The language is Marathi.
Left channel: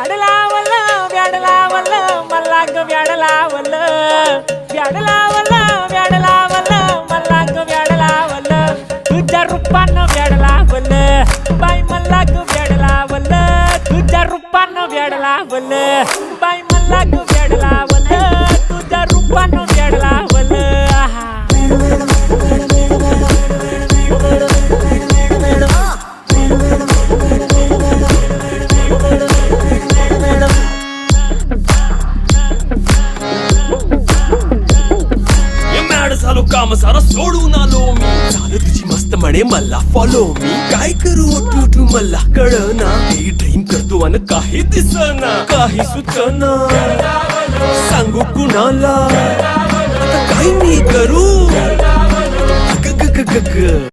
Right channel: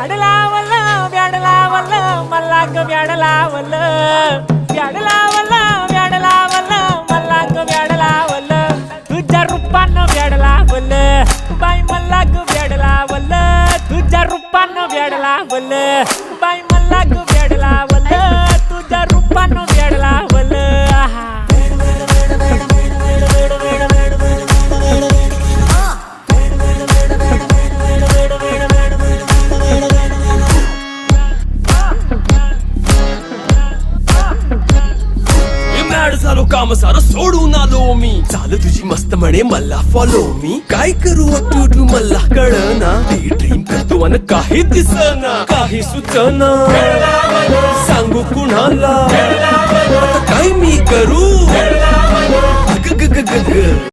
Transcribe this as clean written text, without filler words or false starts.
व्याड लावलं व्याड लावलं मला ग व्याड लावलं व्याड लावलं व्याड लावलं मला ग व्याड लावलं तुझ्या रूपानं व्याड लावलं बाई मला ग व्याड लावलं तुझ्या रूपानं व्याड लावलं बाई मला ग व्याड लावलं तुझ्या रूपानं व्याड लावलं झालो काम सारं सोडून आलो मी चाल तुझी मस्त म्हणे मला फॉलो मी काय करू टू मला कळना ती ड्रीम करतो आणि काही दिसना काही सुचना सांगू कुणाला आता काय मी करू ग ग ग ग